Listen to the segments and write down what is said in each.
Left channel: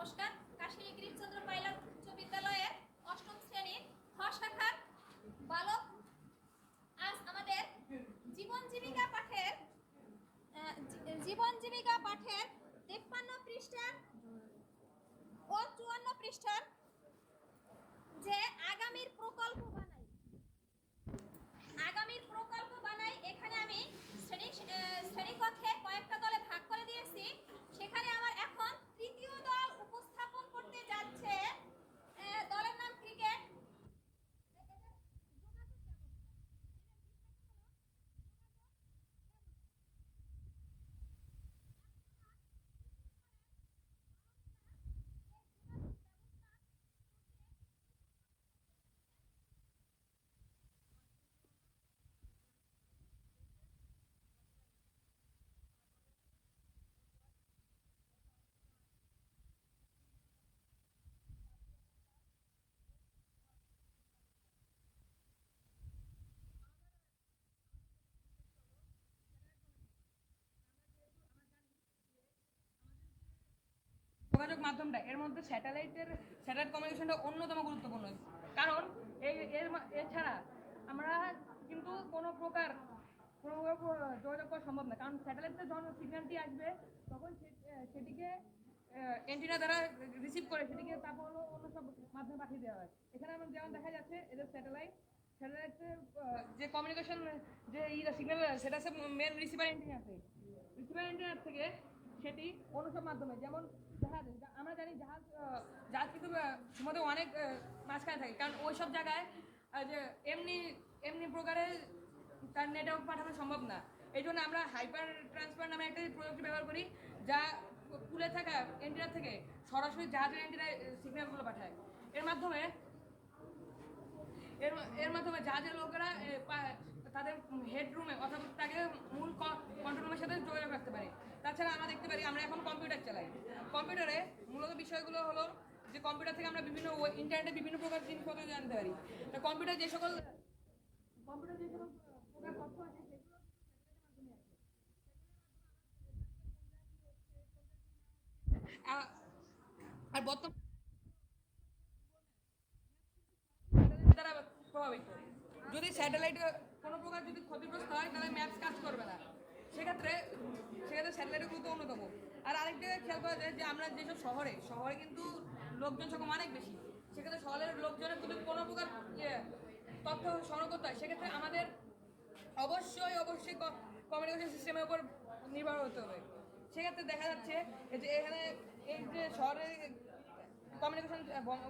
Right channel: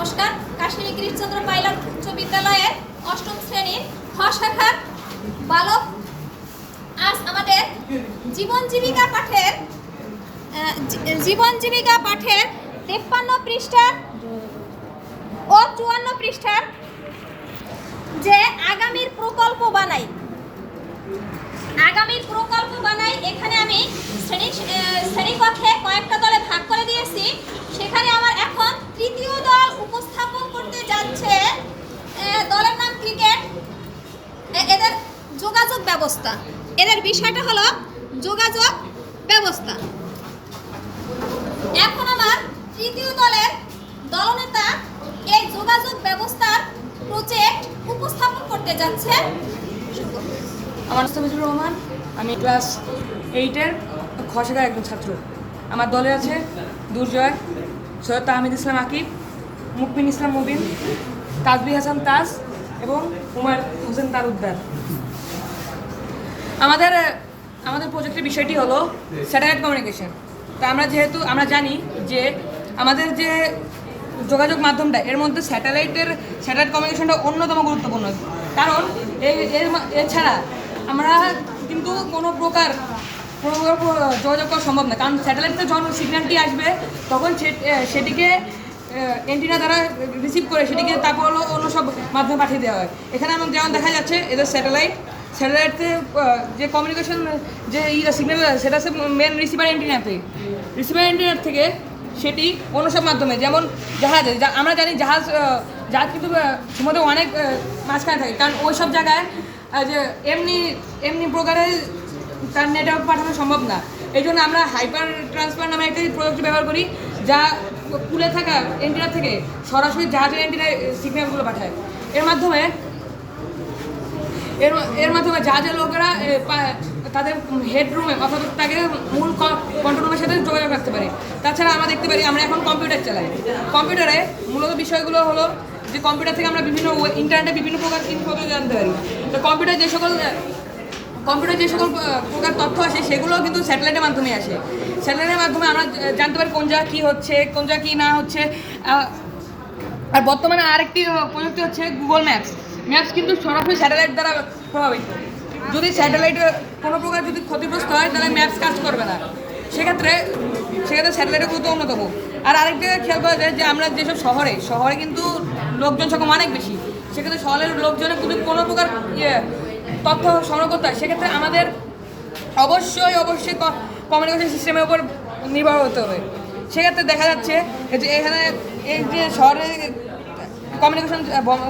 নমস্কার। কাশ্মীরি গিরিশচন্দ্র পাইলট উচ্চ বিদ্যালয়ের অষ্টম শ্রেণীর খ শাখার বালক আজ আমাদের জীবন জীবিকা পাঠের 53 পৃষ্ঠার ও 54 পৃষ্ঠার যে আগামীর প্রকল্প বানাই এখানে আমি শ্রেণীকক্ষে কয়েকটা দলে ভাগ করে দিয়েছি। সেখানে আমার এখন তৃতীয় দল উপস্থাপন করতে যাচ্ছে। দলের নাম ক্রিকেট। এদের যোগাযোগ ব্যবস্থা, এদের বিষয়টা হলো যোগাযোগ ব্যবস্থা। এখন আমার তৃতীয় দলের দলনেতা এই যোগাযোগ ব্যবস্থার প্রজেক্ট উপস্থাপন করতে যাচ্ছে। আমার নাম মিজুর রহমান। আমি ক্লাস 8-এর খ শাখার একজন ছাত্র। আমার দলে আছে দুর্জয়, সৈয়দ তাহমিদ ইসলাম আকিব, মুকবিন ইসলাম মুবিন, তাজবি হাসান তাজ এবং উমার হোসেন তালুকদার। আমাদের প্রজেক্টের বিষয়টি হলো স্যাটেলাইট কমিউনিকেশন। তা আমরা জানি যে আমাদের যে যোগাযোগ মাধ্যমটা, এর মধ্যে স্যাটেলাইট কমিউনিকেশনটা অন্যতম গুরুত্বপূর্ণ। কারণ এছাড়া আমরা কিন্তু কোনো প্রকার যোগাযোগ করা সম্ভব না। কারণ স্যাটেলাইটে যখন সিগন্যালটি আসবে তখন সেটিকে অ্যান্টেনা দ্বারা রিসিভ করে সেটিকে তারপর অন্য সব মাধ্যমে পাঠিয়ে দেওয়া হয়। এখানে আমার যেমন দেখা যাচ্ছে এদের স্যাটেলাইটে যে কমিউনিকেশন যে সিগন্যাল সেটা হচ্ছে মেন রিসিভার অ্যান্টেনার থেকে সেটি অন্য সব মাধ্যমে, যেমন জাহাজে আমরা জানি জাহাজ কিন্তু সমুদ্র অনেক মাঝখানে থাকে। কারণ ওই সব জায়গায় যে এমনি প্রকারের তার নেটওয়ার্ক পাঠানো সম্ভব না। এই জন্য আমরা হাইপার ট্রান্সফার নামে একটা প্রযুক্তি ব্যবহার করি, যা পুলে থাকা অ্যান্টেনা থেকে সরাসরি জাহাজের অ্যান্টেনায় সিগন্যালগুলো পাঠায়। এর মাধ্যমে জাহাজের লোকেরা তাদের হেডরুমে অথবা তাকে মূল কন্ট্রোল রুমের সাথে যোগাযোগ রাখতে পারে। তাছাড়া আমরা দেখতে পারি আমরা এখন কম্পিউটার চালাই। কম্পিউটারে মূলত বিষয়গুলো হলো যে কম্পিউটার থেকে আমরা ইন্টারনেটে বিভিন্ন প্রকার ইনফরমেশন জানতে পারি। তো কম্পিউটার যে সকল প্রকার তথ্য আসে সেগুলো কিন্তু স্যাটেলাইটের মাধ্যমে আসে। স্যাটেলাইটের মাধ্যমে আমরা জানতে পারি কোন জায়গা কী হচ্ছে, কোন জায়গা কী না হচ্ছে। আর বর্তমানে আরেকটি প্রযুক্তি হচ্ছে গুগল ম্যাপস কিন্তু সরাসরি স্যাটেলাইট দ্বারা প্রভাবিত। যদি স্যাটেলাইটে কোনো প্রকার যদি ক্ষতিগ্রস্ত হয় তাহলে ম্যাপস কাজ করবে না। সেক্ষেত্রে স্যাটেলাইটের গুরুত্ব অন্যতম। আর আরেকটা খেয়াল করা যায় যে আমরা যেসব শহরে কিন্তু লোকজন সংখ্যা অনেক বেশি। সেক্ষেত্রে শহরের লোকজনের যদি কোনো প্রকার তথ্য সংগ্রহ করতে হয় সেক্ষেত্রে আমাদের অবশ্যই কমিউনিকেশন সিস্টেমের উপর নির্ভর হতে হবে। সেক্ষেত্রে দেখা যাচ্ছে যে এখানে এই যে শহরে কমিউনিকেশন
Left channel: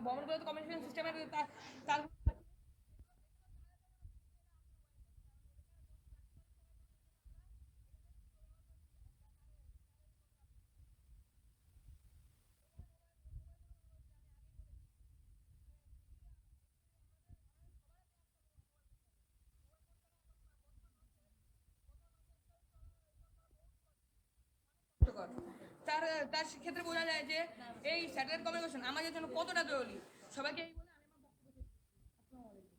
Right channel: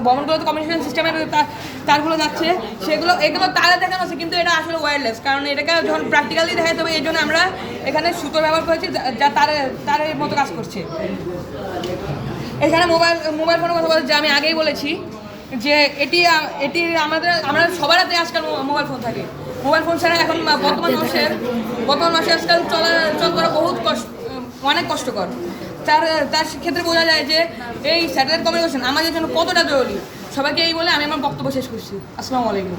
ভবনগুলোতে কমিউনিকেশন সিস্টেমের তারগুলো যাচ্ছে, এগুলো তারে দেখানো হচ্ছে, কিন্তু এটা আসলে ওয়্যারলেস। কারণ এটাকে যখন প্র্যাকটিক্যালি দেখাতে হবে এই জন্য আমরা এখানে সুতো ব্যবহার করেছি যা তারের মতো কাজ করছে। এখানে মোবাইল ফোনের কথা বলতে যে আমি আগেই বলেছি যে এটি আমরা সবার হাতে আজকাল মোবাইল ফোন থাকে। মোবাইল ফোন ছাড়া এখন বর্তমান মাসে আজকাল চল করা অনেক কষ্টকর। তার ক্ষেত্রে বোঝা যায় যে এই স্যাটেলাইট কমিউনিকেশন আমাদের জন্য কতটা জরুরি। সবাইকে এই বলে আমি আমার বক্তব্য শেষ করছি। আসসালামু আলাইকুম।